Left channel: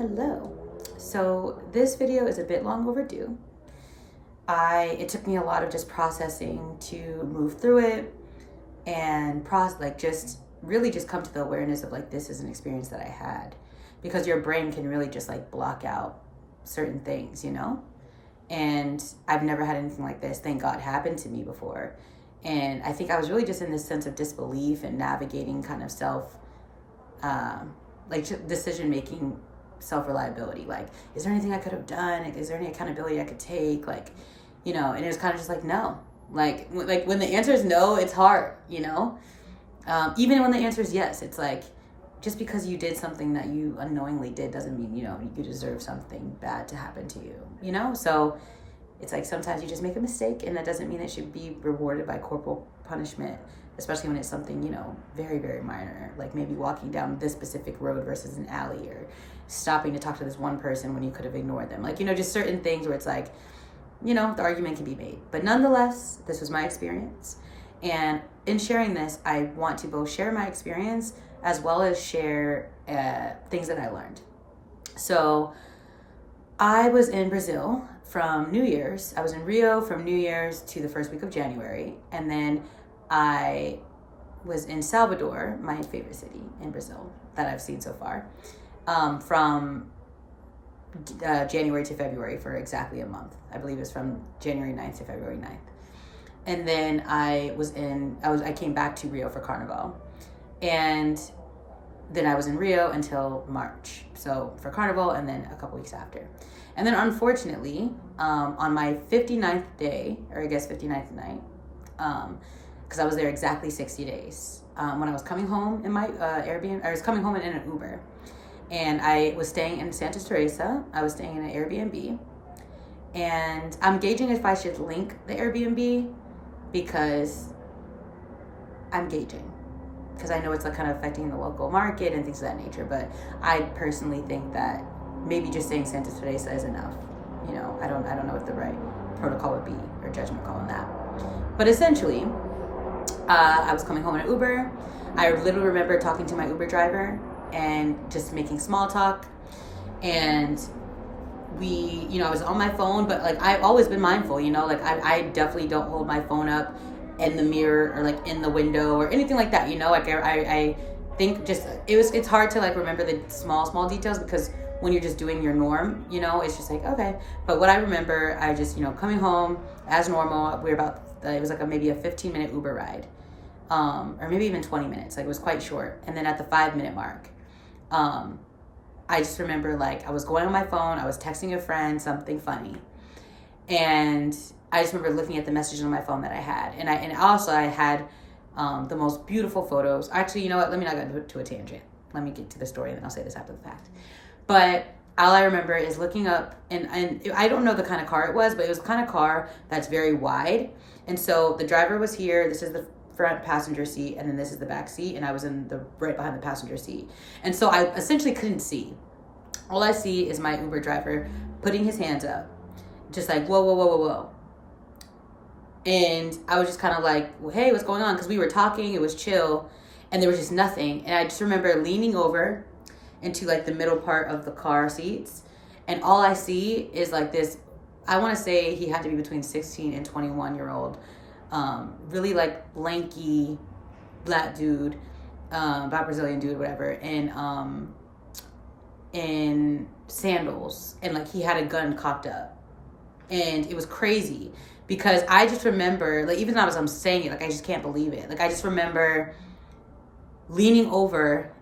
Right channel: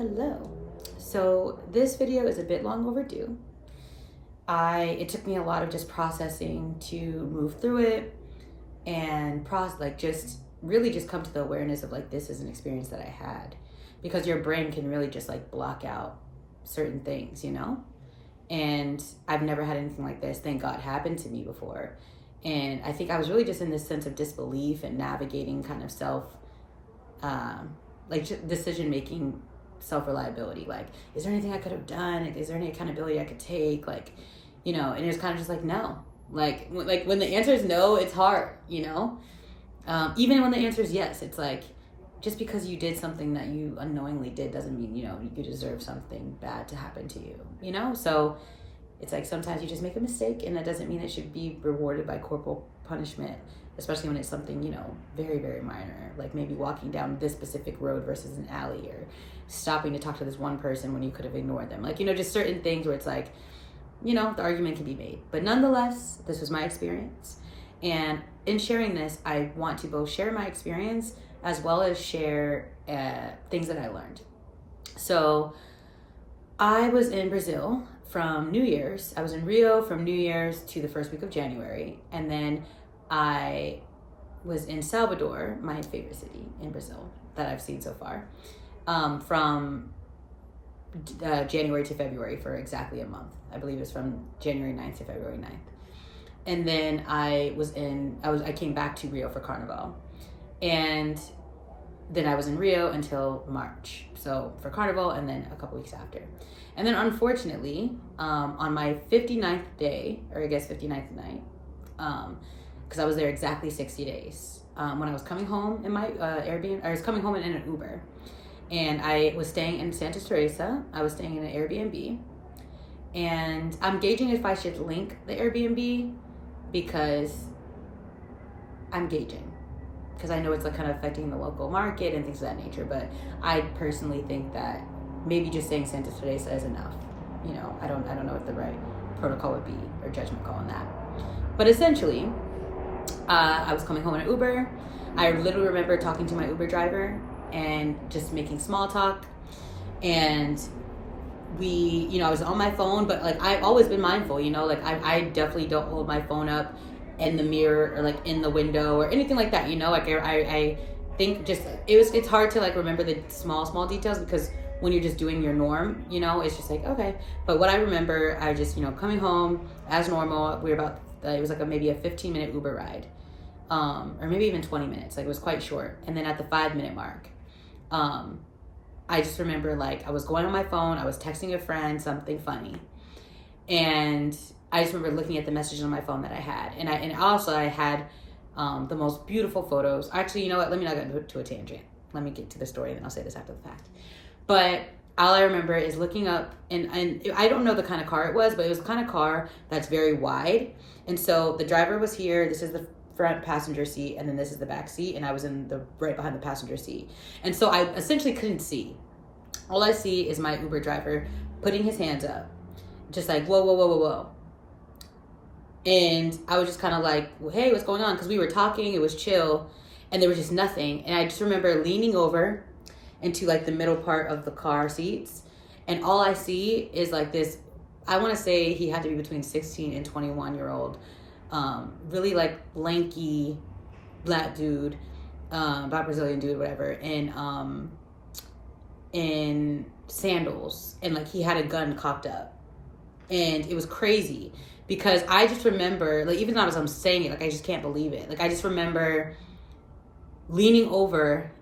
Hello. So this video is a bit long overdue. It took me a lot of just processing to move through it and just really just come to the awareness of like, this is an experience that I had, because your brain can really just like block out certain things, you know? And I've never had anything like this, thank God, happen to me before. And I think I was really just in this sense of disbelief and navigating kind of decision-making, self-reliability. Like, is there anything I could have done? Is there any accountability I could take? Like, you know, and it was kind of just like, no. Like when the answer is no, it's hard, you know? Even when the answer is yes, it's like, just because you did something that you unknowingly did doesn't mean, you know, you deserve something bad to happen to you, you know? So it's like sometimes you just make a mistake, and that doesn't mean it should be rewarded by corporal punishment, especially when it's something, you know, very, very minor, like maybe walking down this specific road versus an alley, or stopping to talk to this one person when you could have ignored them. Like, you know, just certain things where it's like, you know, the argument can be made. But nonetheless, this was my experience. And in sharing this, I want to both share my experience as well as share things that I learned. So I was in Brazil from New Year's. I was in Rio from New Year's to the first week of January. And then I was in Salvador, my favorite city in Brazil that I've seen so far, from January to February for exactly a month. I believe it was from January 9th to February 9th. And then I came back to Rio for Carnival. And then I was in Rio until March. So for Carnival, and then a couple weeks after. And then unfortunately, on my 59th day, or I guess 59th night, because I was there exactly 60 days. When I was coming home in my Airbnb, I was coming home in an Uber, and I was staying in Santa Teresa. I was staying in an Airbnb, and I'm gauging if I should link the Airbnb, because I know it's like kind of affecting the local market and things of that nature. But I personally think that maybe just saying Santa Teresa is enough. You know, I don't know what the right protocol would be or judgment call on that. But essentially, I was coming home in an Uber. I literally remember talking to my Uber driver and just making small talk. And I was on my phone, but like I've always been mindful, you know, like I definitely don't hold my phone up in the mirror or like in the window or anything like that, you know. Like I think just it's hard to like remember the small details, because when you're just doing your norm, you know, it's just like, okay. But what I remember, I just, you know, coming home as normal. We were it was like maybe a 15-minute Uber ride, or maybe even 20 minutes. Like, it was quite short. And then at the 5-minute mark, I just remember like I was going on my phone, I was texting a friend something funny, and I just remember looking at the messages on my phone that I had, and I had the most beautiful photos. Actually, you know what? Let me not go to a tangent. Let me get to the story, and then I'll say this after the fact. But all I remember is looking up, and I don't know the kind of car it was, but it was the kind of car that's very wide. And so the driver was here. This is the front passenger seat, and then this is the back seat, and I was in the right behind the passenger seat. And so I essentially couldn't see. All I see is my Uber driver putting his hands up, just like, whoa, whoa, whoa, whoa, whoa. And I was just kind of like, well, hey, what's going on? Because we were talking, it was chill, and there was just nothing. And I just remember leaning over into like the middle part of the car seats, and all I see is like this, I want to say he had to be between 16 and 21-year-old, really like lanky black dude, black Brazilian dude, whatever, and in sandals, and like he had a gun cocked up. And it was crazy, because I just remember, like, even though I'm saying it, like, I just can't believe it. Like, I just remember leaning over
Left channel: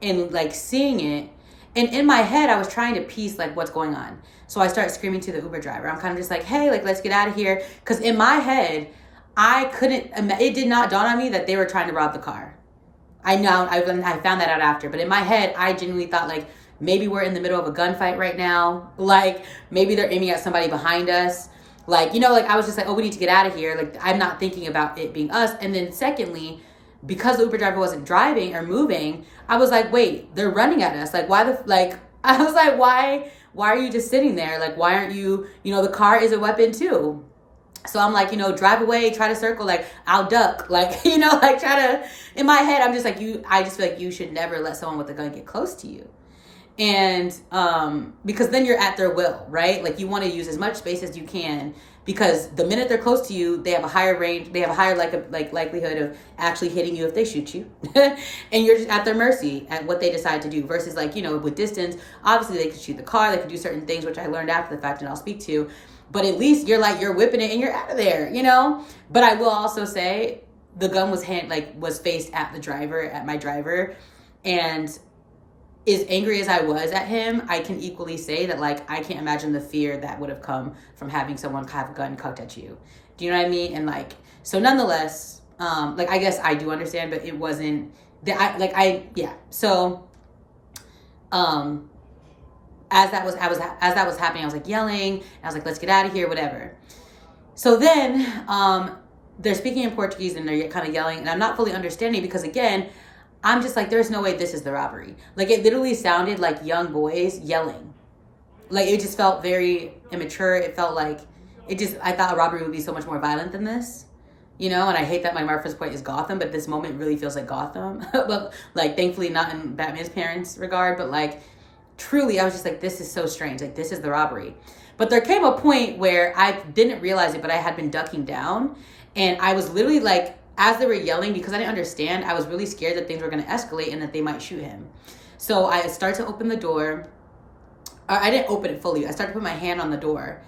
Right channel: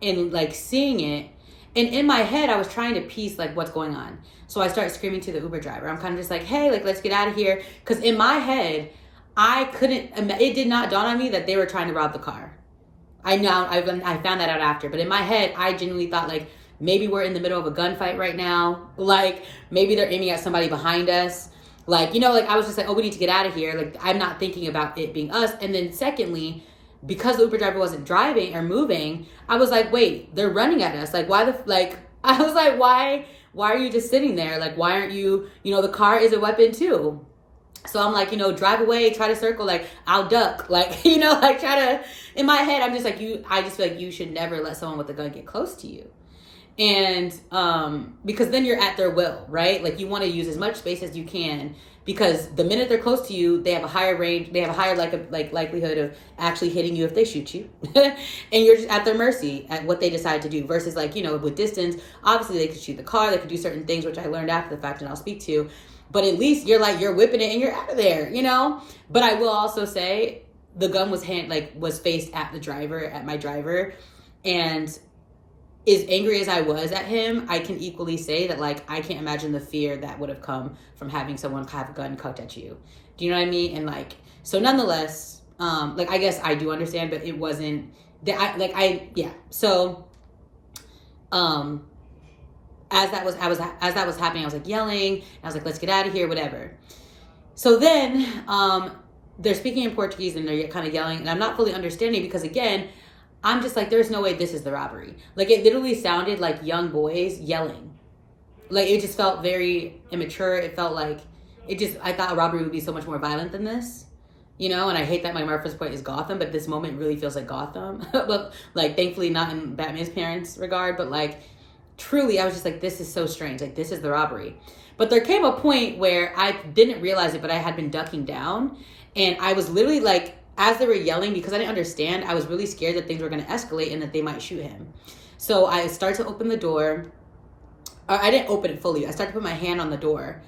and like seeing it, and in my head I was trying to piece like what's going on. So I started screaming to the Uber driver. I'm kind of just like, hey, like, let's get out of here, because in my head it did not dawn on me that they were trying to rob the car. I found that out after, but in my head I genuinely thought like, maybe we're in the middle of a gunfight right now, like maybe they're aiming at somebody behind us, like, you know, like I was just like, oh, we need to get out of here. Like, I'm not thinking about it being us. And then secondly, because the Uber driver wasn't driving or moving, I was like, wait, they're running at us. Like, I was like, why are you just sitting there? Like, why aren't you, you know, the car is a weapon too. So I'm like, you know, drive away, try to circle, like, I'll duck, like, you know, like, try to, in my head, I'm just like, I just feel like you should never let someone with a gun get close to you. And because then you're at their will, right? Like you want to use as much space as you can, because the minute they're close to you, they have a higher range, they have a higher likelihood of actually hitting you if they shoot you. And you're just at their mercy at what they decide to do, versus like, you know, with distance, obviously they could shoot the car, they could do certain things, which I learned after the fact and I'll speak to, but at least you're whipping it and you're out of there, you know? But I will also say the gun was faced at my driver, and as angry as I was at him, I can equally say that, like, I can't imagine the fear that would have come from having someone have a gun cocked at you. Do you know what I mean? And like, so nonetheless, like, I guess I do understand, but it wasn't that yeah. So, as that was happening, I was like yelling, I was like, let's get out of here, whatever. So then, they're speaking in Portuguese and they're kind of yelling, and I'm not fully understanding because, again, I'm just like, there's no way this is the robbery. Like, it literally sounded like young boys yelling. Like, it just felt very immature. It felt like, I thought a robbery would be so much more violent than this, you know? And I hate that my reference point is Gotham, but this moment really feels like Gotham. But, like, thankfully not in Batman's parents' regard, but, like, truly, I was just like, this is so strange. Like, this is the robbery. But there came a point where I didn't realize it, but I had been ducking down. And I was literally like, as they were yelling, because I didn't understand, I was really scared that things were going to escalate and that they might shoot him. So I started to open the door. I didn't open it fully. I started to put my hand on the door.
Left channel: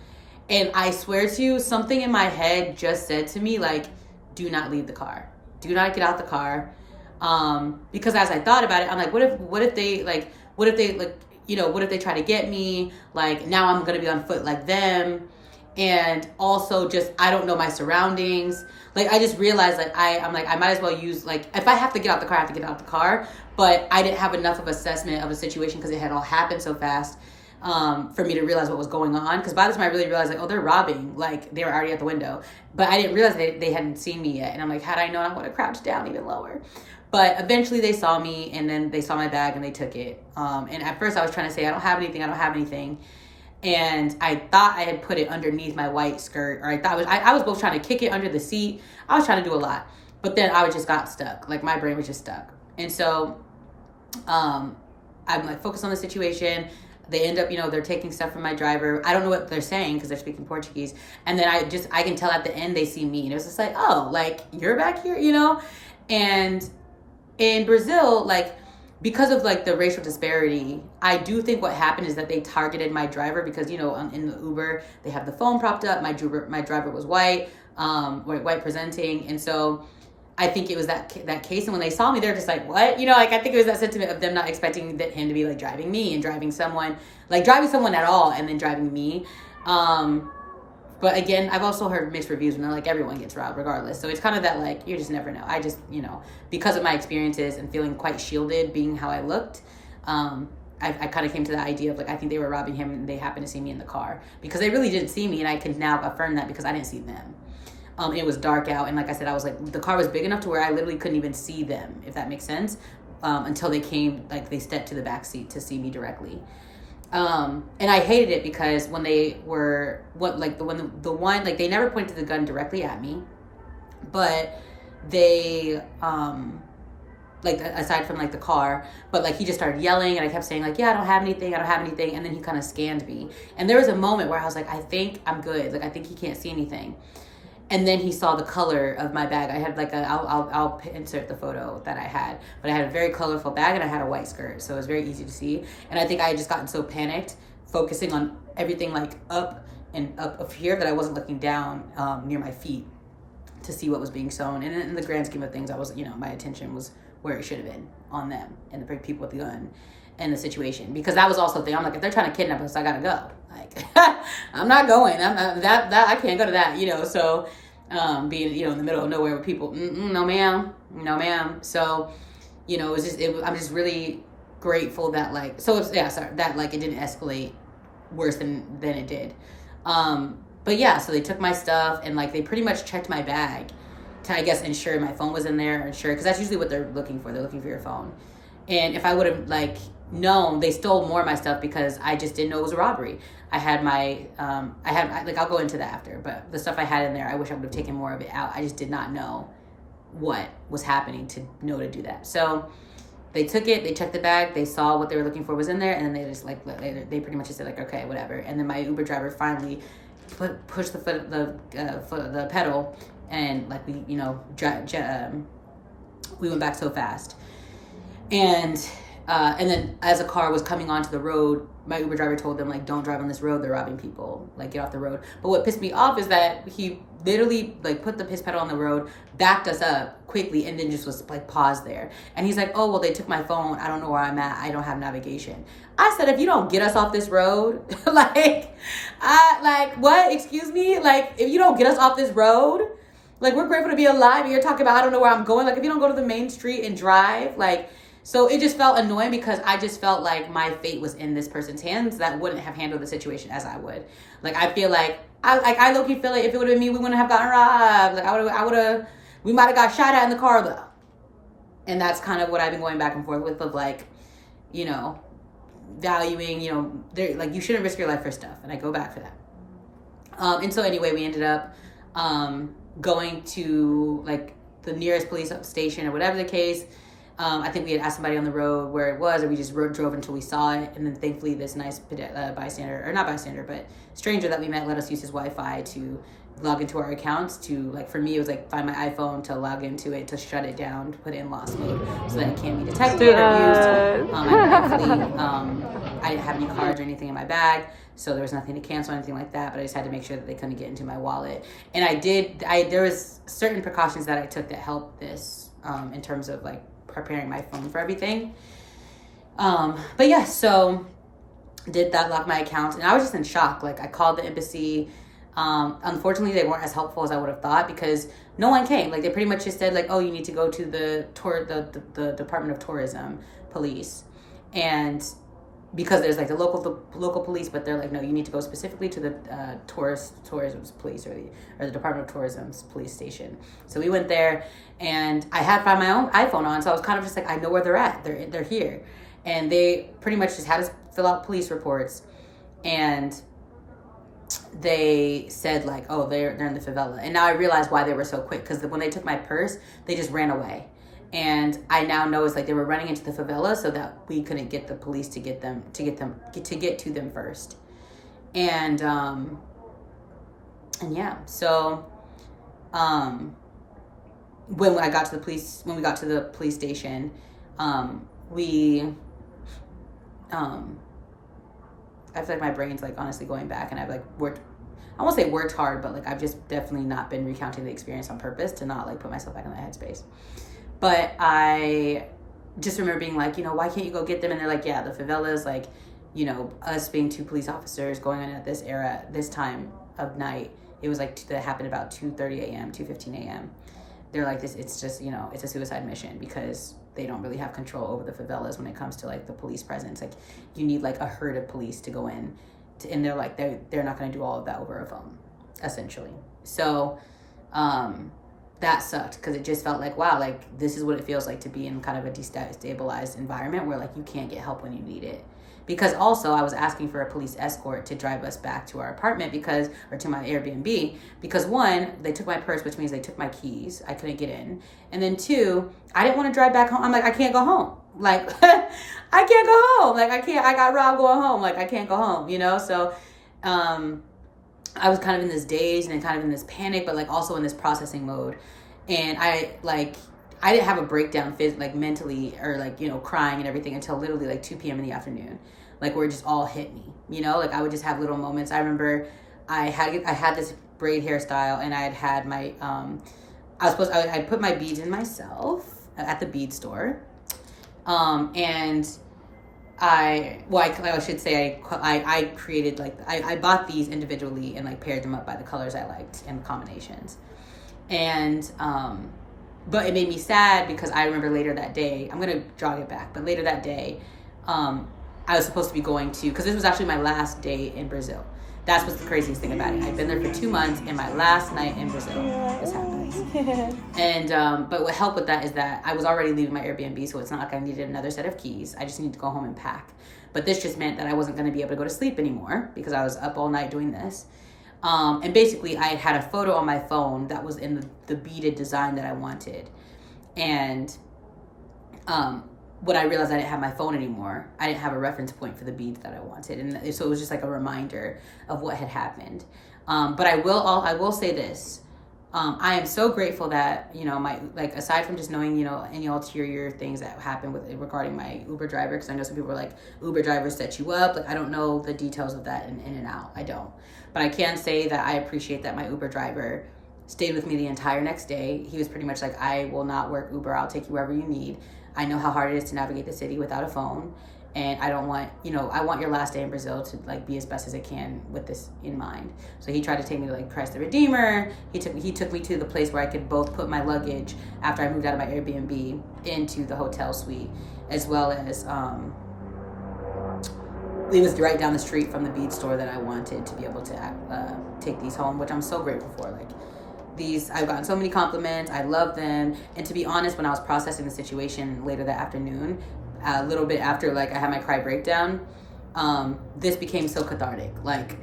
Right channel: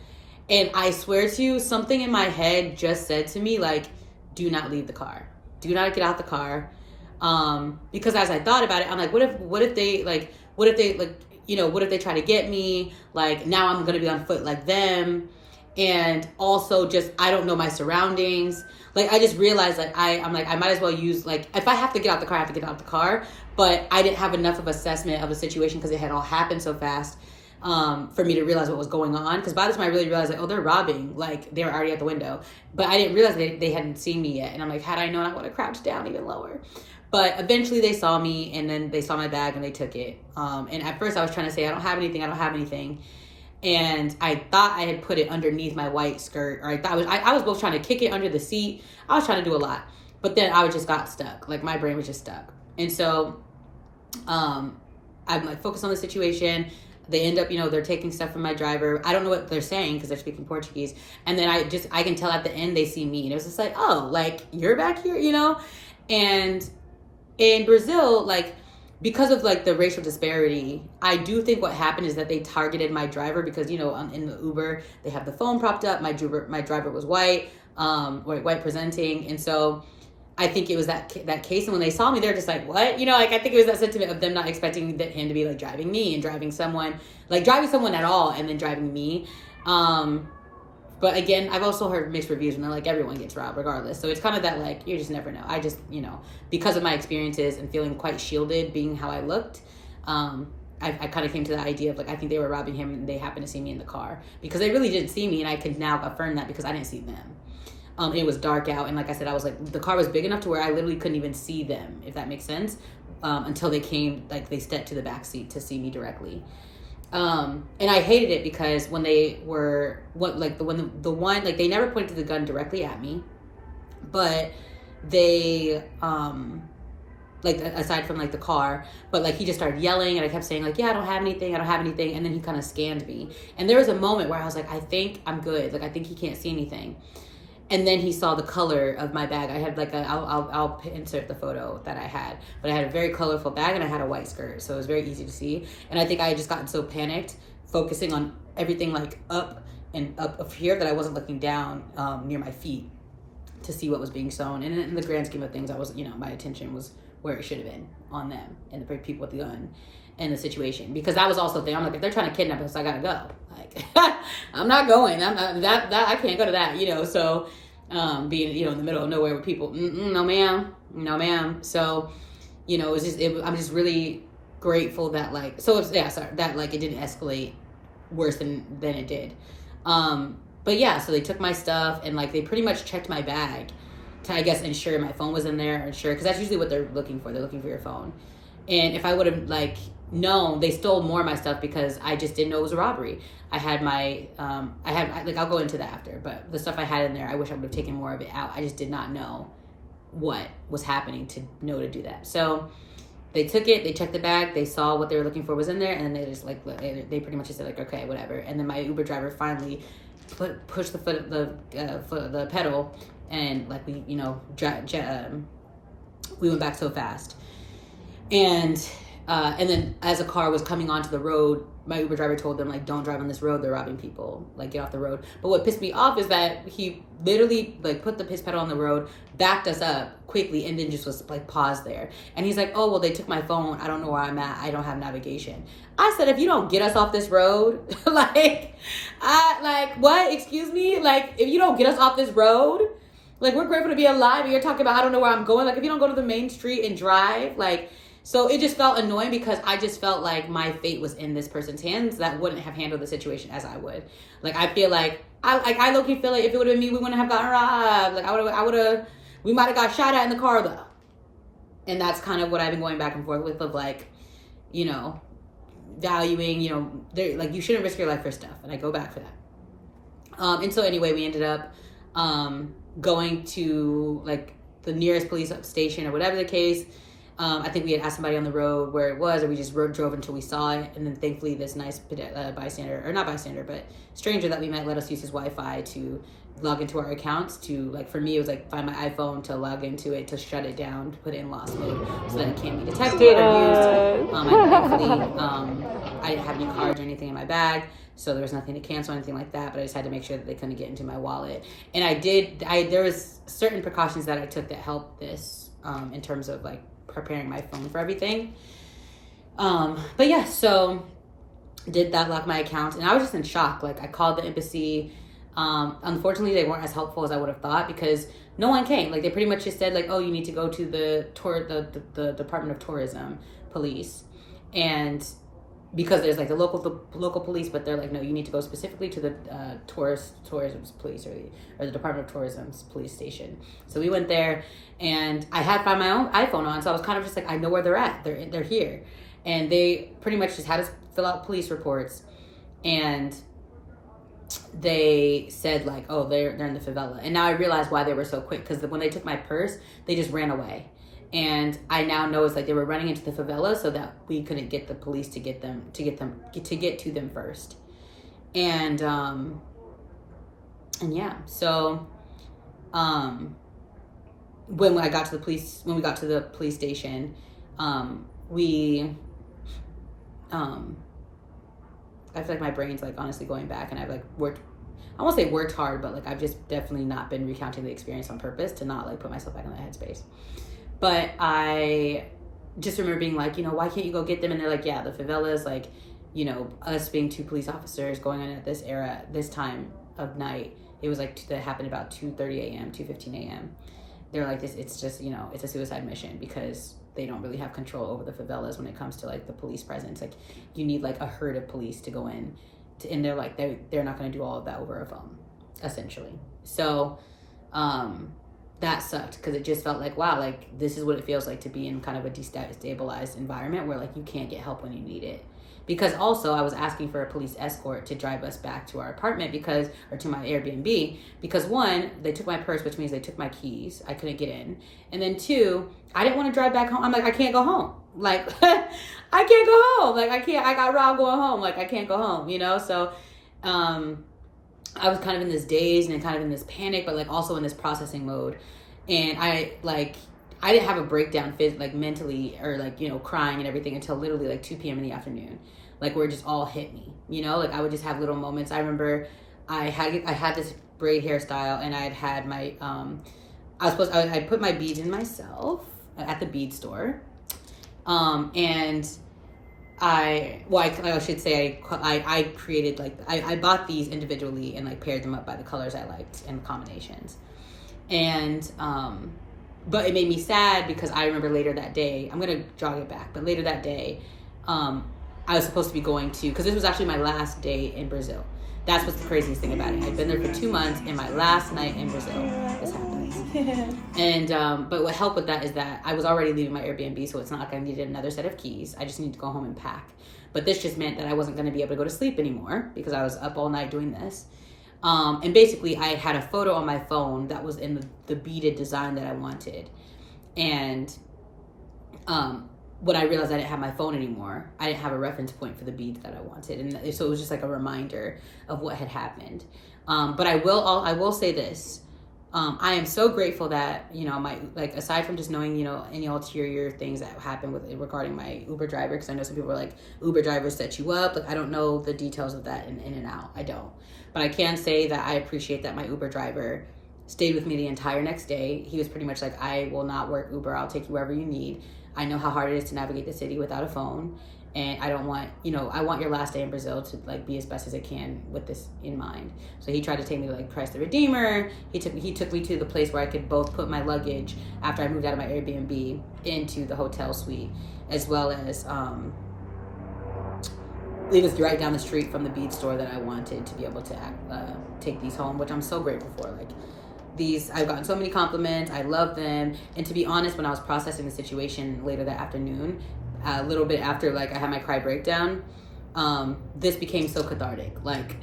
And I swear to you, something in my head just said to me, like, do not leave the car. Do not get out the car. Because as I thought about it, I'm like, what if they try to get me? Like, now I'm going to be on foot like them. And also just, I don't know my surroundings. Like, I just realized, like, I'm like, I might as well use, like, if I have to get out the car, I have to get out the car. But I didn't have enough of assessment of the situation because it had all happened so fast for me to realize what was going on. Because by the time I really realized, like, oh, they're robbing. Like, they were already at the window. But I didn't realize they hadn't seen me yet. And I'm like, had I known, I would have crouched down even lower. But eventually they saw me, and then they saw my bag and they took it. And at first I was trying to say, I don't have anything. And I thought I had put it underneath my white skirt, or I was both trying to kick it under the seat. I was trying to do a lot, but then I just got stuck. Like, my brain was just stuck. And so, I'm like focused on the situation. They end up, you know, they're taking stuff from my driver. I don't know what they're saying because they're speaking Portuguese. And then I can tell at the end they see me, and it was just like, oh, like, you're back here, you know? And in Brazil, like, because of, like, the racial disparity, I do think what happened is that they targeted my driver because, you know, in the Uber, they have the phone propped up. My driver was white presenting. And so I think it was that case. And when they saw me, they're just like, what? You know, like, I think it was that sentiment of them not expecting him to be, like, driving me and driving someone at all and then driving me. But again, I've also heard mixed reviews, and they're like, everyone gets robbed regardless. So it's kind of that, like, you just never know. I just, you know, because of my experiences and feeling quite shielded, being how I looked, I kind of came to the idea of, like, I think they were robbing him and they happened to see me in the car. Because they really didn't see me, and I can now affirm that because I didn't see them. It was dark out, and like I said, I was like, the car was big enough to where I literally couldn't even see them, if that makes sense, until they came, like, they stepped to the back seat to see me directly. And I hated it because when they were they never pointed the gun directly at me, but they like, aside from, like, the car, but, like, he just started yelling, and I kept saying, like, yeah, I don't have anything, and then he kind of scanned me, and there was a moment where I was like, I think I'm good, like, I think he can't see anything. And then he saw the color of my bag. I had, like, I'll insert the photo that I had, but I had a very colorful bag and I had a white skirt, so it was very easy to see. And I think I had just gotten so panicked, focusing on everything, like, up here, that I wasn't looking down near my feet to see what was being shown. And in the grand scheme of things, I was, you know, my attention was where it should have been, on them and the people with the gun and the situation, because that was also the thing. I'm like, if they're trying to kidnap us, I gotta go. Like, I'm not going. I can't go to that, you know. So, being, you know, in the middle of nowhere with people, no ma'am. So, you know, I'm just really grateful that, like, that, like, it didn't escalate worse than it did. But yeah, so they took my stuff, and, like, they pretty much checked my bag to, I guess, ensure my phone was in there, or ensure, because that's usually what they're looking for. They're looking for your phone. And if I would have, like, known, they stole more of my stuff because I just didn't know it was a robbery. I had my, I'll go into that after, but the stuff I had in there, I wish I would have taken more of it out. I just did not know what was happening to know to do that. So, they took it, they checked the bag, they saw what they were looking for was in there, and then they just like they pretty much just said like, okay, whatever. And then my Uber driver finally pushed the pedal, and like we, you know, we went back so fast. And then as a car was coming onto the road, my Uber driver told them, like, don't drive on this road, they're robbing people, like, get off the road. But what pissed me off is that he literally, like, put the piss pedal on the road, backed us up quickly, and then just was, like, paused there. And he's like, oh, well, they took my phone, I don't know where I'm at, I don't have navigation. I said, if you don't get us off this road, like, what, excuse me? Like, if you don't get us off this road, like, we're grateful to be alive, and you're talking about, I don't know where I'm going. Like, if you don't go to the main street and drive, like, so it just felt annoying because I just felt like my fate was in this person's hands that wouldn't have handled the situation as I would. Like, I feel like, I low-key feel like if it would have been me, we wouldn't have gotten robbed. Like, we might have got shot at in the car, though. And that's kind of what I've been going back and forth with, of like, you know, valuing, you know, like, you shouldn't risk your life for stuff. And I go back for that. And so anyway, we ended up going to, like, the nearest police station or whatever the case. I think we had asked somebody on the road where it was, and we just drove until we saw it. And then thankfully this nice bystander, or not bystander, but stranger that we met let us use his Wi-Fi to log into our accounts to, like, for me, it was like find my iPhone to log into it, to shut it down, to put it in lost mode so that it can't be detected or used. I didn't have any cards or anything in my bag, so there was nothing to cancel or anything like that, but I just had to make sure that they couldn't get into my wallet. And there was certain precautions that I took that helped this, in terms of, like, preparing my phone for everything. But yeah, so did that, lock my account, and I was just in shock. Like, I called the embassy. Unfortunately, they weren't as helpful as I would have thought because no one came. Like, they pretty much just said, like, oh, you need to go to the Department of Tourism police, and because there's like the local police, but they're like, no, you need to go specifically to the tourism police or the Department of Tourism's police station. So we went there, and I had found my own iPhone on, so I was kind of just like, I know where they're at. They're here, and they pretty much just had us fill out police reports, and they said like, oh, they're in the favela. And now I realize why they were so quick, because when they took my purse, they just ran away. And I now know it's like they were running into the favela so that we couldn't get the police to get to them first. And yeah, so when we got to the police station, I feel like my brain's like honestly going back, and I've like I won't say worked hard, but like I've just definitely not been recounting the experience on purpose to not like put myself back in that headspace. But I just remember being like, you know, why can't you go get them? And they're like, yeah, the favelas, like, you know, us being 2 police officers going on at this time of night, it was like that happened about 2:30 a.m., 2:15 a.m. They're like, it's just, you know, it's a suicide mission because they don't really have control over the favelas when it comes to like the police presence. Like, you need like a herd of police to go in, and they're like, they're not going to do all of that over a phone, essentially. So that sucked, because it just felt like, wow, like this is what it feels like to be in kind of a destabilized environment where like you can't get help when you need it. Because also I was asking for a police escort to drive us back to our apartment or to my Airbnb, because 1, they took my purse, which means they took my keys. I couldn't get in. And then 2, I didn't want to drive back home. I'm like, I can't go home. Like, I can't go home. Like, I got robbed going home. Like, I can't go home, you know? So, I was kind of in this daze and kind of in this panic, but like also in this processing mode. And I didn't have a breakdown like mentally or like, you know, crying and everything until literally like 2 p.m. in the afternoon, like where it just all hit me, you know, like I would just have little moments. I remember I had this braid hairstyle, and I had my, I put my beads in myself at the bead store. And I should say I created like, I bought these individually and like paired them up by the colors I liked and the combinations. And, but it made me sad because I remember later that day, I'm going to jog it back, but later that day, I was supposed to be going to, because this was actually my last day in Brazil. That's what's the craziest thing about it. I've been there for 2 months, and my last night in Brazil, this happens. And, but what helped with that is that I was already leaving my Airbnb, so it's not like I needed another set of keys. I just need to go home and pack. But this just meant that I wasn't going to be able to go to sleep anymore because I was up all night doing this. And basically I had a photo on my phone that was in the beaded design that I wanted. And, when I realized I didn't have my phone anymore, I didn't have a reference point for the beads that I wanted, and so it was just like a reminder of what had happened. But I will say this: I am so grateful that, you know, my, like, aside from just knowing, you know, any ulterior things that happened with regarding my Uber driver, because I know some people are like, Uber drivers set you up. Like, I don't know the details of that in and out. I don't, but I can say that I appreciate that my Uber driver stayed with me the entire next day. He was pretty much like, I will not work Uber. I'll take you wherever you need. I know how hard it is to navigate the city without a phone. And I don't want, you know, I want your last day in Brazil to like be as best as it can with this in mind. So he tried to take me to like Christ the Redeemer. He took me to the place where I could both put my luggage after I moved out of my Airbnb into the hotel suite, as well as it was right down the street from the bead store that I wanted to be able to take these home, which I'm so grateful for. Like, these, I've gotten so many compliments. I love them. And to be honest, when I was processing the situation later that afternoon, a little bit after like I had my cry breakdown, this became so cathartic. Like,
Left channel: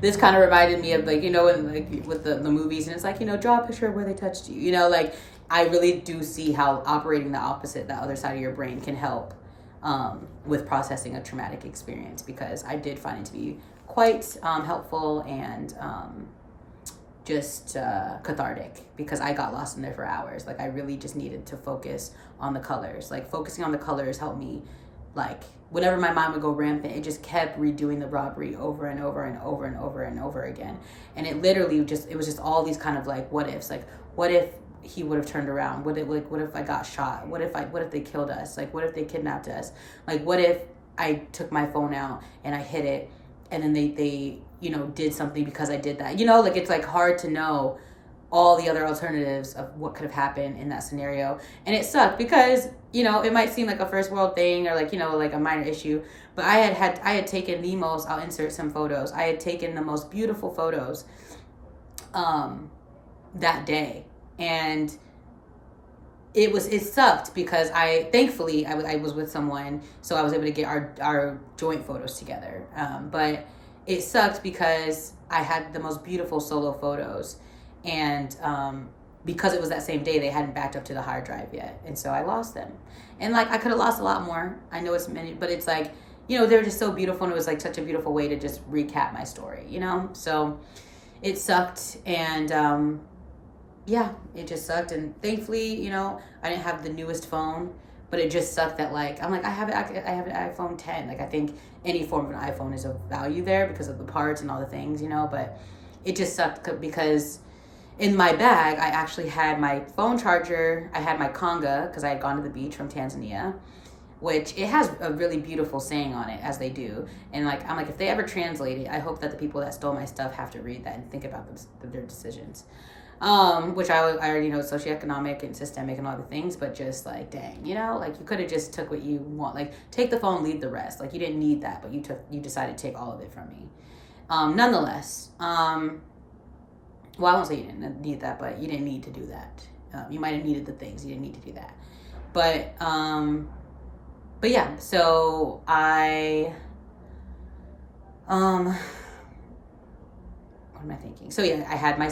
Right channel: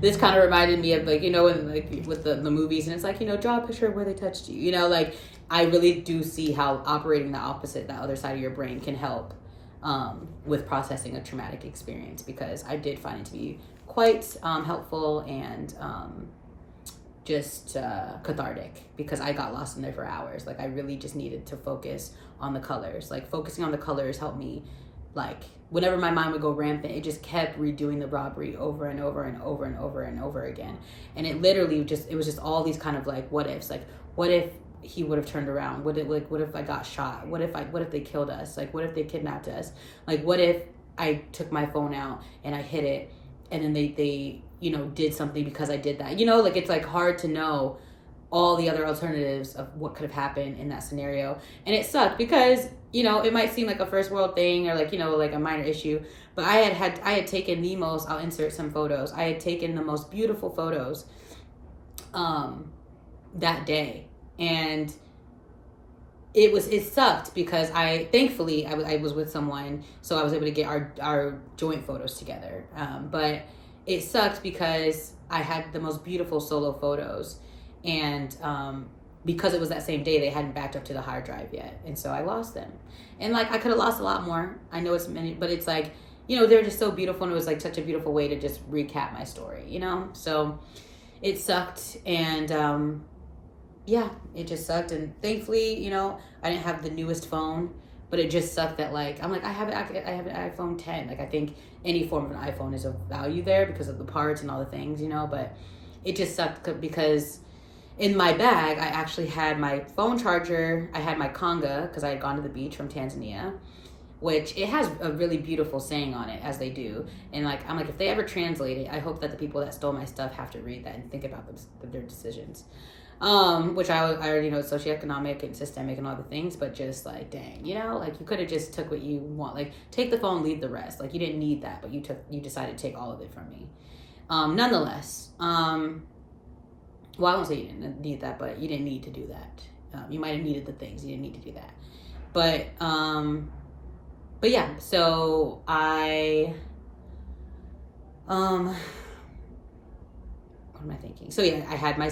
this kind of reminded me of, like, you know, when, like, with the movies, and it's like, you know, draw a picture of where they touched you, you know, like, I really do see how operating the opposite, the other side of your brain, can help with processing a traumatic experience, because I did find it to be quite helpful and just cathartic, because I got lost in there for hours. Like, I really just needed to focus on the colors. Like, focusing on the colors helped me, like, whenever my mind would go rampant, it just kept redoing the robbery over and over and over and over and over again. And it literally just, it was just all these kind of like what ifs. Like, what if he would have turned around? What if I got shot? What if they killed us? Like, what if they kidnapped us? Like, what if I took my phone out and I hid it, and then they you know, did something because I did that? You know, like, it's like hard to know all the other alternatives of what could have happened in that scenario. And it sucked because, you know, it might seem like a first world thing, or like, you know, like a minor issue, but I had taken the most, I'll insert some photos, I had taken the most beautiful photos that day. And it sucked because thankfully I was with someone, so I was able to get our joint photos together. But it sucked because I had the most beautiful solo photos, and because it was that same day, they hadn't backed up to the hard drive yet, and so I lost them. And like, I could have lost a lot more. I know it's many, but it's like, you know, they're just so beautiful, and it was like such a beautiful way to just recap my story, you know? So it sucked, and yeah, it just sucked. And thankfully, you know, I didn't have the newest phone, but it just sucked that, like, I'm like, I have an iPhone 10. Like, I think any form of an iPhone is of value there because of the parts and all the things, you know, but it just sucked because in my bag, I actually had my phone charger. I had my conga because I had gone to the beach from Tanzania, which it has a really beautiful saying on it, as they do. And like, I'm like, if they ever translate it, I hope that the people that stole my stuff have to read that and think about their decisions. Which I already know, socioeconomic and systemic and all the things, but just like, dang, you know, like, you could have just took what you want. Like, take the phone, leave the rest. Like, you didn't need that, but you decided to take all of it from me. Nonetheless, well, I won't say you didn't need that, but you didn't need to do that. You might have needed the things. You didn't need to do that. But yeah, so what am I thinking? So yeah, I had my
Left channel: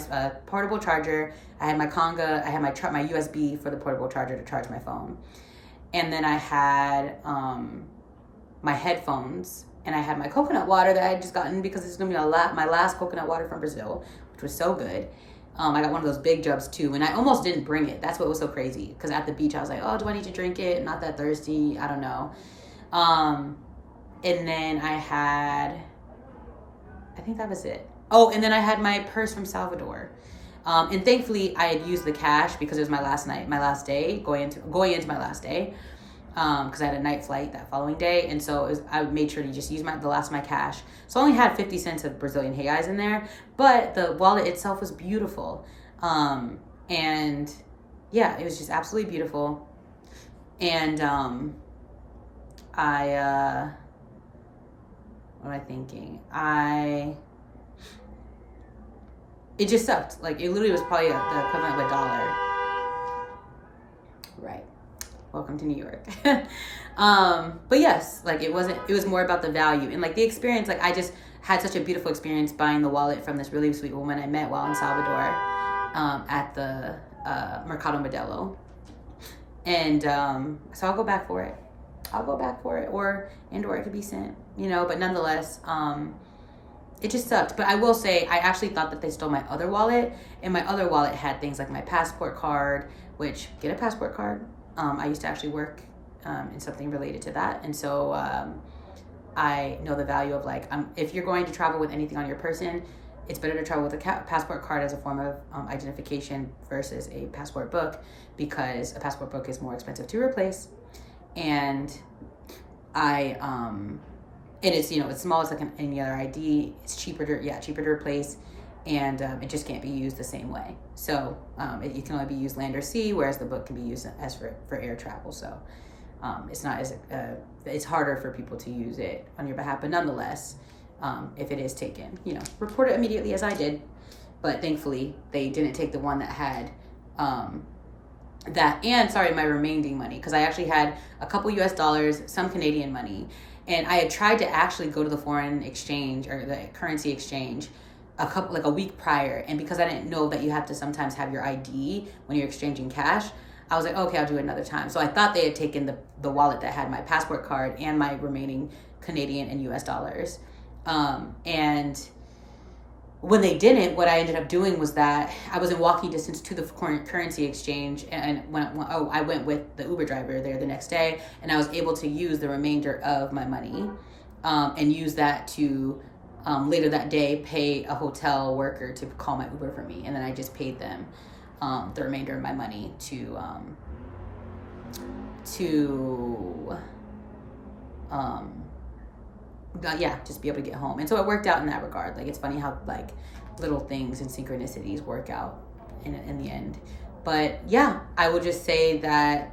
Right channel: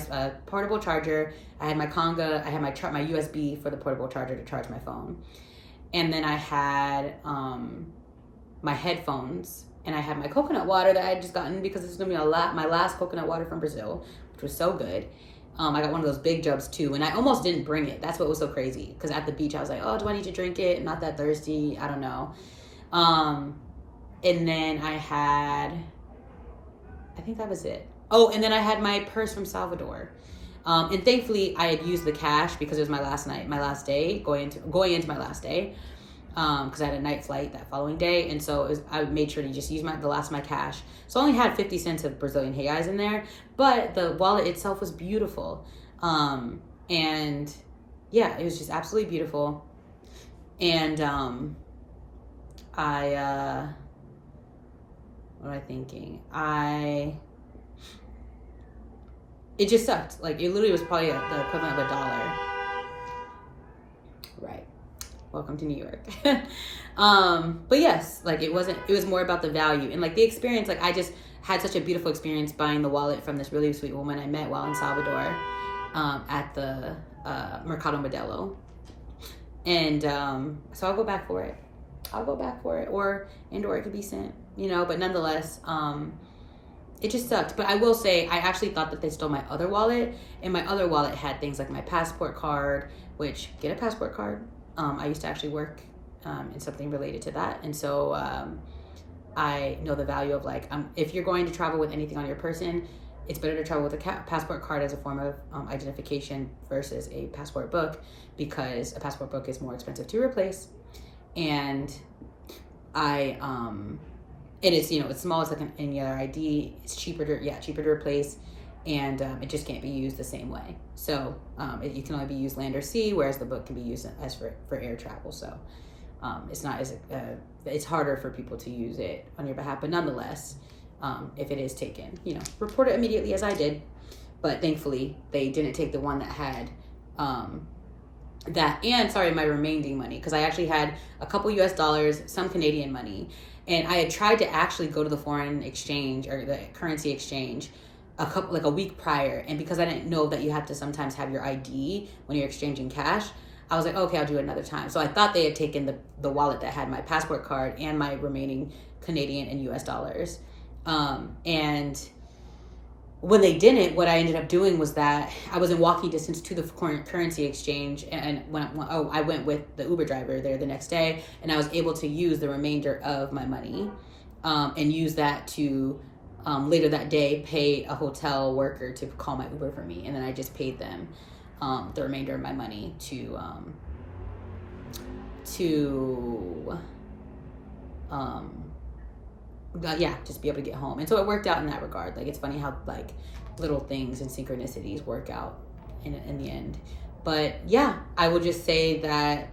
portable charger, I had my conga, I had my USB for the portable charger to charge my phone. And then I had my headphones, and I had my coconut water that I had just gotten because this is going to be my last coconut water from Brazil, which was so good. I got one of those big jugs too, and I almost didn't bring it. That's what was so crazy, because at the beach I was like, oh, do I need to drink it? I'm not that thirsty. I don't know. And then I think that was it. Oh, and then I had my purse from Salvador. And thankfully I had used the cash because it was my last day, going into my last day. Because I had a night flight that following day. And so I made sure to just use the last of my cash. So I only had 50 cents of Brazilian reais in there, but the wallet itself was beautiful. And yeah, it was just absolutely beautiful. And what am I thinking? It just sucked. Like, it literally was probably the equivalent of $1. Right. Welcome to New York. But yes, like, it was more about the value and like the experience. Like, I just had such a beautiful experience buying the wallet from this really sweet woman I met while in Salvador, at the Mercado Modelo. And so I'll go back for it. I'll go back for it, or it could be sent, but nonetheless, it just sucked. But I will say, I actually thought that they stole my other wallet, and my other wallet had things like my passport card, which, get a passport card. I used to actually work in something related to that. And so I know the value of like, if you're going to travel with anything on your person, it's better to travel with a passport card as a form of identification versus a passport book, because a passport book is more expensive to replace. And and it's, it's small, it's like any other ID. It's cheaper to replace, and it just can't be used the same way. So you can only be used land or sea, whereas the book can be used as for air travel. So it's not as it's harder for people to use it on your behalf. But nonetheless, if it is taken, report it immediately, as I did. But thankfully, they didn't take the one that had my remaining money, because I actually had a couple US dollars, some Canadian money. And I had tried to actually go to the foreign exchange or the currency exchange a week prior. And because I didn't know that you have to sometimes have your ID when you're exchanging cash, I was like, okay, I'll do it another time. So I thought they had taken the wallet that had my passport card and my remaining Canadian and US dollars. And when they didn't, what I ended up doing was that I was in walking distance to the currency exchange, and I went with the Uber driver there the next day, and I was able to use the remainder of my money and use that to later that day pay a hotel worker to call my Uber for me, and then I just paid them the remainder of my money to just be able to get home. And so it worked out in that regard. Like, it's funny how like little things and synchronicities work out in the end. But yeah, I will just say that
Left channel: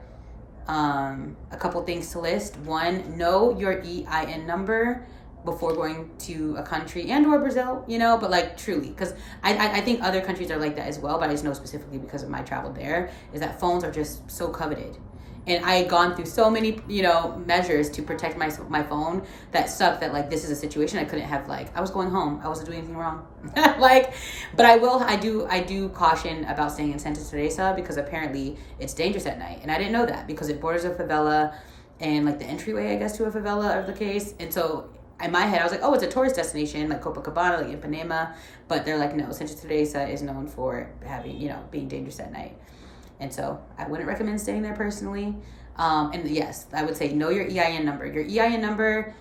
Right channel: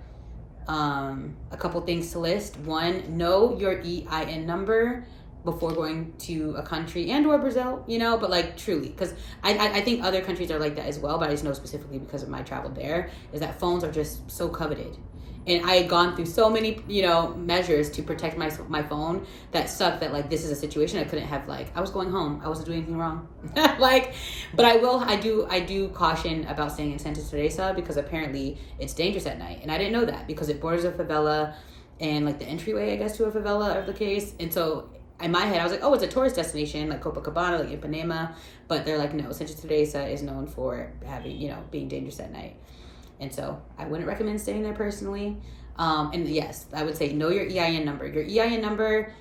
a couple things to list. One, know your EIN number before going to a country and/or Brazil, but like truly, because I think other countries are like that as well, but I just know specifically because of my travel there, is that phones are just so coveted. And I had gone through so many, measures to protect my phone that sucked, that like, this is a situation I couldn't have, like, I was going home. I wasn't doing anything wrong. But I do caution about staying in Santa Teresa, because apparently it's dangerous at night. And I didn't know that, because it borders a favela, and like the entryway, I guess, to a favela of the case. And so in my head, I was like, oh, it's a tourist destination, like Copacabana, like Ipanema. But they're like, no, Santa Teresa is known for having, being dangerous at night. And so I wouldn't recommend staying there personally. And yes, I would say know your EIN number. Your EIN number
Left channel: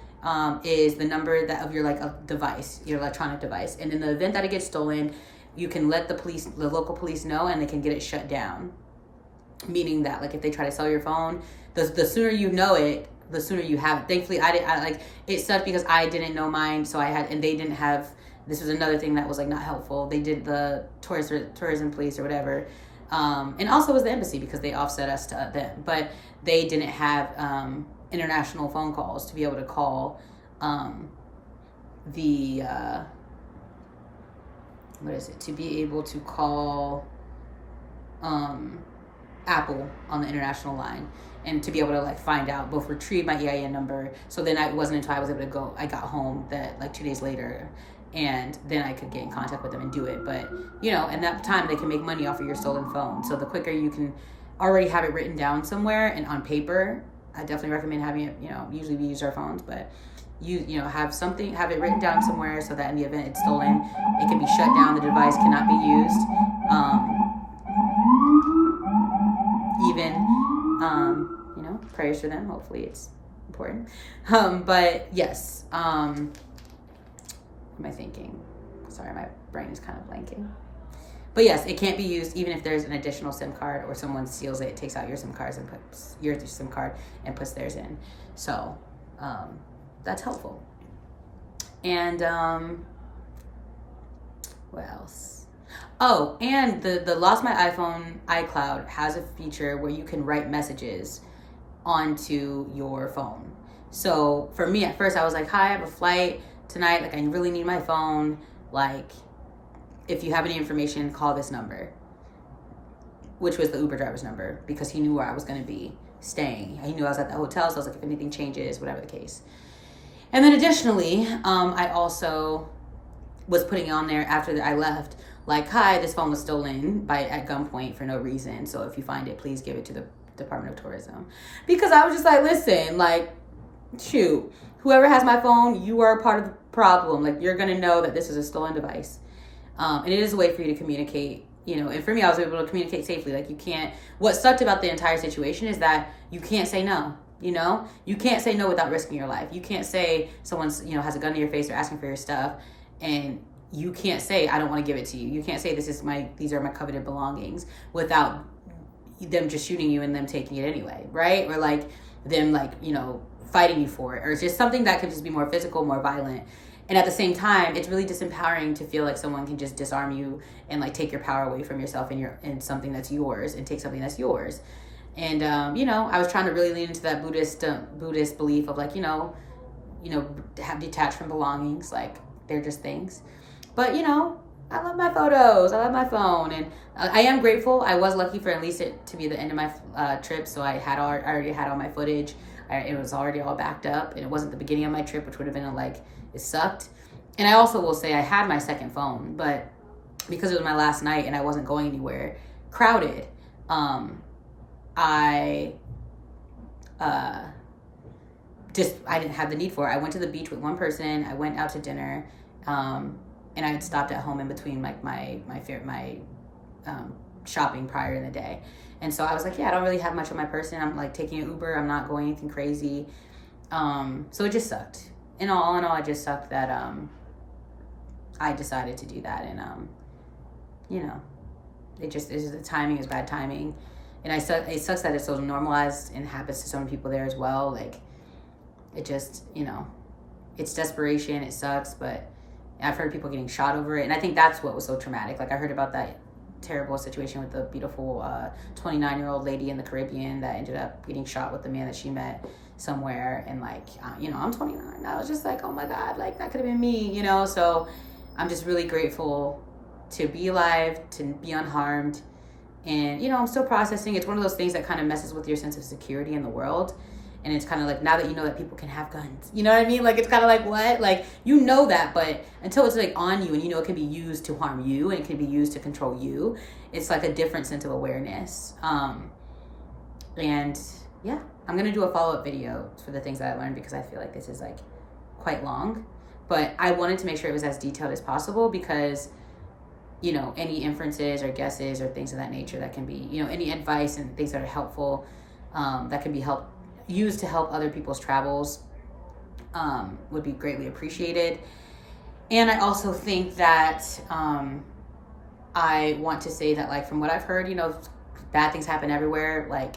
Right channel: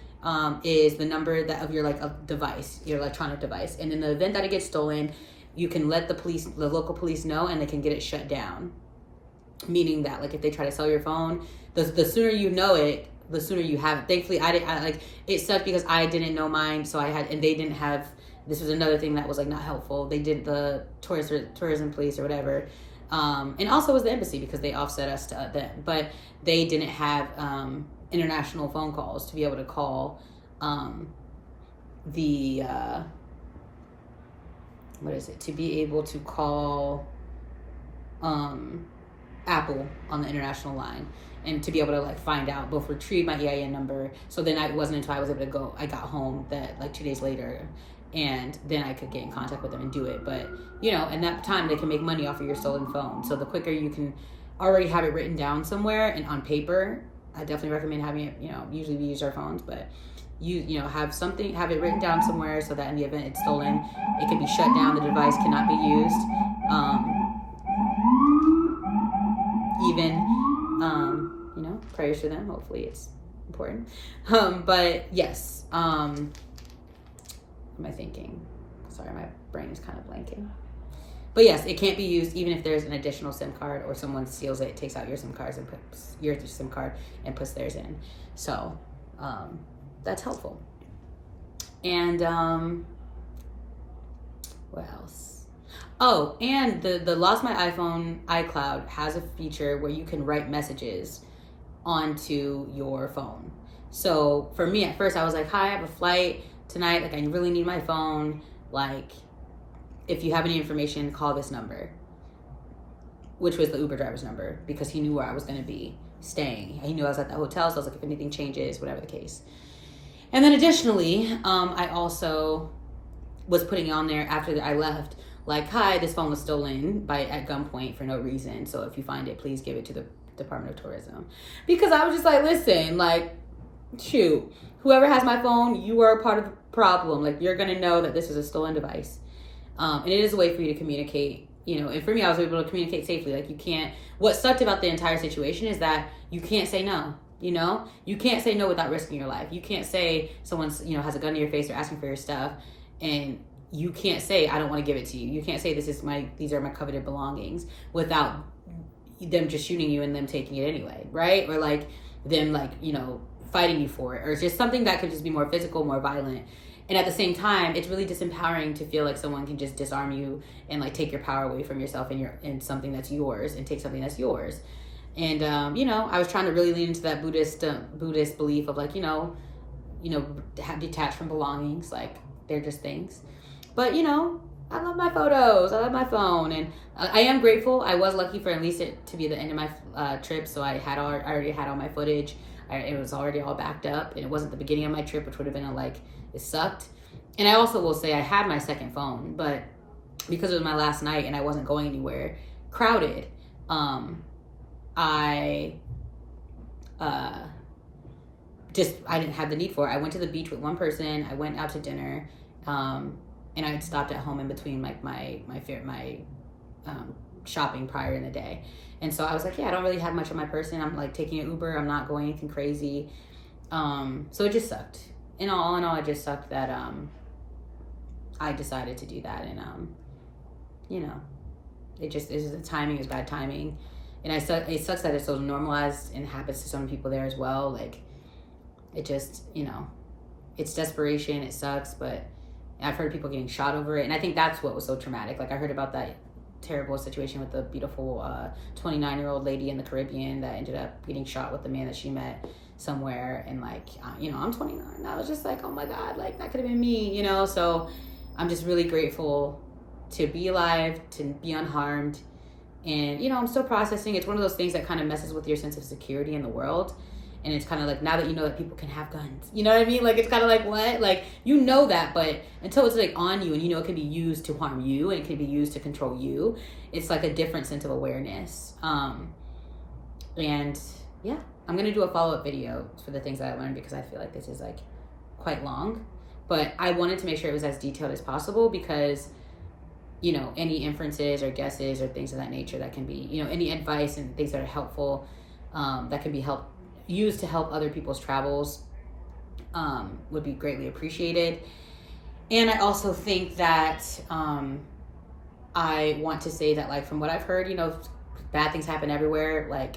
is the number of your a device, your electronic device. And in the event that it gets stolen, you can let the local police know, and they can get it shut down. Meaning that like if they try to sell your phone, the sooner you know it, the sooner you have it. Thankfully, it sucked because I didn't know mine, so and they didn't have. This was another thing that was like not helpful. They did the tourism police or whatever. And also it was the embassy, because they offset us to them, but they didn't have international phone calls to be able to call to be able to call Apple on the international line, and to be able to like find out, both retrieve my EIN number. So then it wasn't until I was able to I got home that like 2 days later, and then I could get in contact with them and do it. But, in that time, they can make money off of your stolen phone. So the quicker you can already have it written down somewhere and on paper, I definitely recommend having it, usually we use our phones, but have it written down somewhere, so that in the event it's stolen, it can be shut down, the device cannot be used. Prayers for them. Hopefully it's important. But yes, what am I thinking? Sorry, my brain is kind of blanking. But yes, it can't be used even if there's an additional SIM card, or someone steals it, takes out your SIM card and puts theirs in. So that's helpful. And what else? Oh, and the Lost My iPhone iCloud has a feature where you can write messages onto your phone. So for me, at first I was like, hi, I have a flight tonight, like I really need my phone, like if you have any information, call this number, which was the Uber driver's number, because he knew where I was going to be staying. He knew I was at the hotel, so I was like, if anything changes, whatever the case. And then additionally, I also was putting on there after I left, like, hi, this phone was stolen at gunpoint for no reason, so if you find it, please give it to Department of Tourism, because I was just like, listen, like, shoot, whoever has my phone, you are a part of the problem. Like, you're gonna know that this is a stolen device, and it is a way for you to communicate. And for me, I was able to communicate safely. Like, you can't. What sucked about the entire situation is that you can't say no. You can't say no without risking your life. You can't say someone's has a gun to your face or asking for your stuff, and you can't say I don't want to give it to you. You can't say these are my coveted belongings without them just shooting you and them taking it anyway, right? Or like them fighting you for it, or it's just something that could just be more physical, more violent. And at the same time, it's really disempowering to feel like someone can just disarm you and like take your power away from yourself and something that's yours, and take something that's yours. And I was trying to really lean into that Buddhist belief of like have detached from belongings, like they're just things. But I love my photos. I love my phone, and I am grateful. I was lucky for at least it to be the end of my trip, so I already had all my footage. It was already all backed up, and it wasn't the beginning of my trip, which would have been it sucked. And I also will say I had my second phone, but because it was my last night and I wasn't going anywhere, crowded, I didn't have the need for it. I went to the beach with one person. I went out to dinner, and I had stopped at home in between like my shopping prior in the day. And so I was like, I don't really have much on my person. I'm like taking an Uber. I'm not going anything crazy. So it just sucked. In all, it just sucked that I decided to do that. And the timing is bad timing. And it sucks that it's so normalized and happens to so many people there as well. Like, it just, it's desperation. It sucks, but I've heard people getting shot over it. And I think that's what was so traumatic. Like, I heard about that terrible situation with the beautiful 29-year-old lady in the Caribbean that ended up getting shot with the man that she met somewhere. And like, I'm 29. I was just like, oh my God, like that could have been me, So I'm just really grateful to be alive, to be unharmed. And, I'm still processing. It's one of those things that kind of messes with your sense of security in the world. And it's kind of like, now that you know that people can have guns, you know what I mean? Like, it's kind of like, what? Like, that, but until it's like on you and it can be used to harm you and it can be used to control you, it's like a different sense of awareness. And yeah, I'm going to do a follow-up video for the things that I learned, because I feel like this is like quite long, but I wanted to make sure it was as detailed as possible, because any inferences or guesses or things of that nature that can be, any advice and things that are helpful, that can be used to help other people's travels, would be greatly appreciated. And I also think that I want to say that, like, from what I've heard, bad things happen everywhere. Like,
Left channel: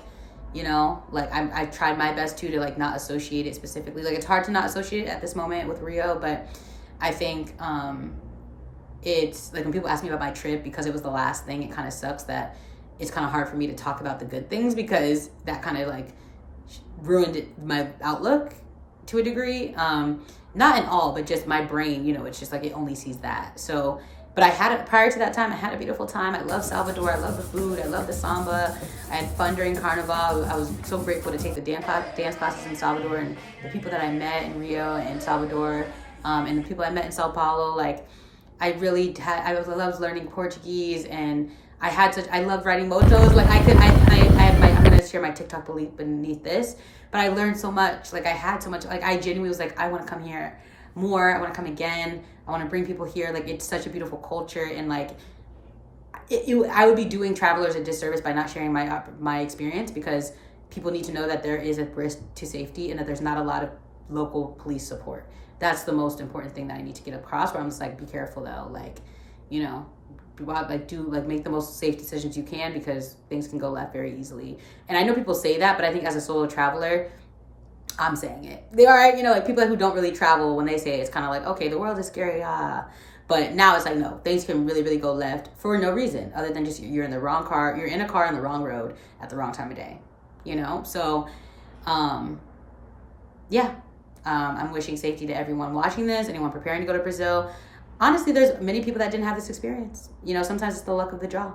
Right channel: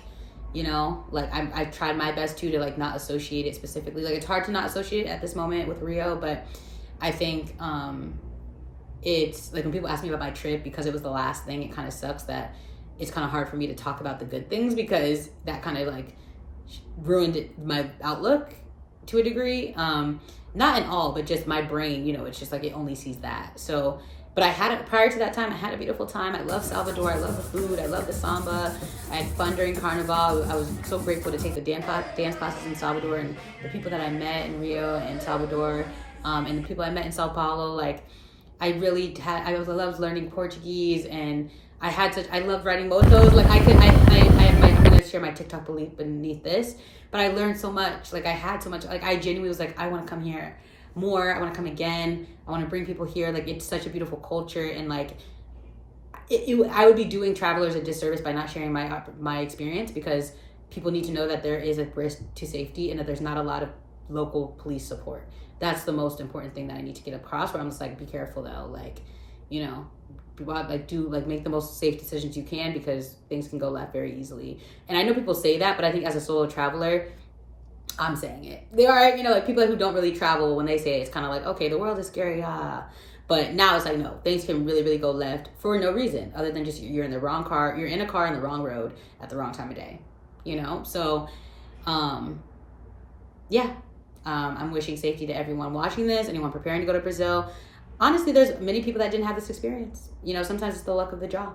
I've tried my best to like not associate it specifically. Like, it's hard to not associate it at this moment with Rio, but I think it's like when people ask me about my trip, because it was the last thing, it kind of sucks that it's kind of hard for me to talk about the good things, because that kind of like ruined my outlook to a degree. Not in all, but just my brain, it's just like it only sees that. So, but prior to that time, I had a beautiful time. I love Salvador. I love the food. I love the samba. I had fun during Carnival. I was so grateful to take the dance classes in Salvador, and the people that I met in Rio and Salvador, and the people I met in Sao Paulo. Like, I loved learning Portuguese, and I loved riding motos. Like, I'm going to share my TikTok link beneath this, but I learned so much. Like, I had so much, like, I genuinely was like, I want to come here more. I want to come again. I want to bring people here. Like, it's such a beautiful culture. And like, I would be doing travelers a disservice by not sharing my experience, because people need to know that there is a risk to safety and that there's not a lot of local police support. That's the most important thing that I need to get across, where I'm just like, be careful though. Like, make the most safe decisions you can, because things can go left very easily. And I know people say that, but I think as a solo traveler, I'm saying it. They are, like people who don't really travel, when they say it, it's kind of like, okay, the world is scary, But now it's like, no, things can really, really go left for no reason other than just you're in the wrong car, you're in a car on the wrong road at the wrong time of day, So, yeah. I'm wishing safety to everyone watching this, anyone preparing to go to Brazil. Honestly, there's many people that didn't have this experience. Sometimes it's the luck of the draw.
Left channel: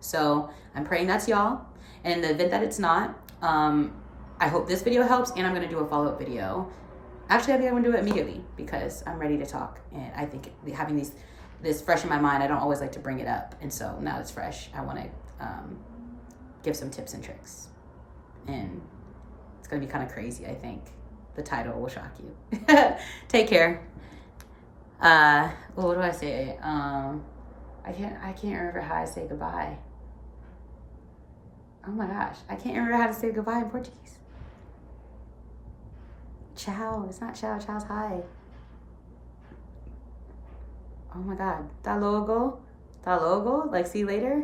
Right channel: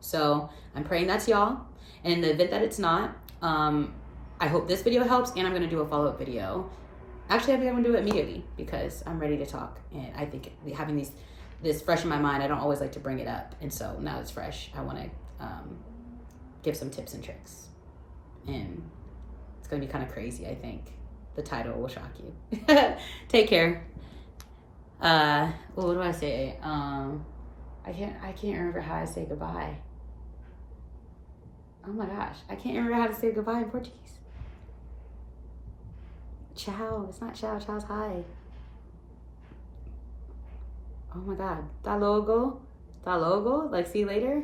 So I'm praying that's y'all. And in the event that it's not, I hope this video helps, and I'm going to do a follow-up video. Actually, I think I'm going to do it immediately, because I'm ready to talk. And I think having this fresh in my mind, I don't always like to bring it up. And so now it's fresh. I want to give some tips and tricks. and it's gonna be kind of crazy. I think the title will shock you. Take care. Well, what do I say? I can't remember how I say goodbye. Oh my gosh, I can't remember how to say goodbye in Portuguese. Ciao. It's not ciao. Ciao's hi. Oh my god. Da logo. Da logo. Like, see you later.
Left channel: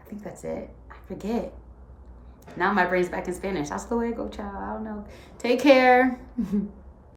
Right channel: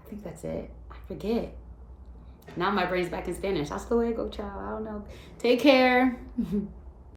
I think that's it. I forget. Now my brain's back in Spanish. Hasta luego. Ciao. I don't know. Take care.